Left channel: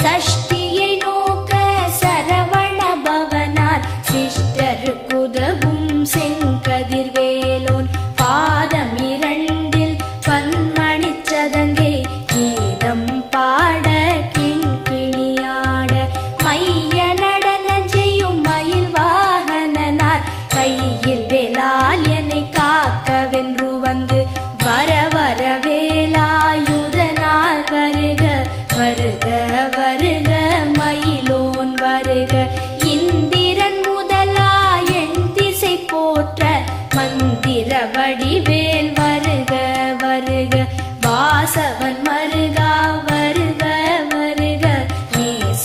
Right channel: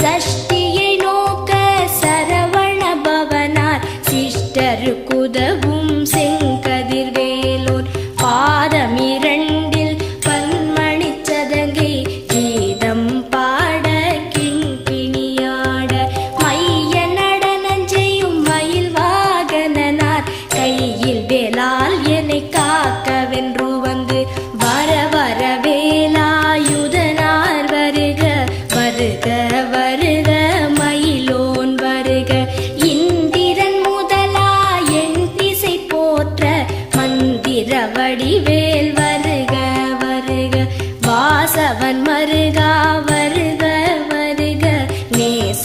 சஷ்டியை நோக்க சரவண பவனார் சிஷ்டருக்குதவும் செங்கதிர்வேலோன் பாதமிரண்டில் பன்மணிச் சதங்கை கீதம் பாட கிண்கிணியாட மைய நடன செய்யும் மயில் வாகனனார் கையில் வேலால் என்னை காக்கவென்று வந்து வர வர வேலாயுதனார் வருக வருக வருக மயிலோன் வருக இந்திரன் முதலா என் திசை போற்ற மந்திர வடிவேல் வருக வருக வாசவன் மருகா வருக வருக நேச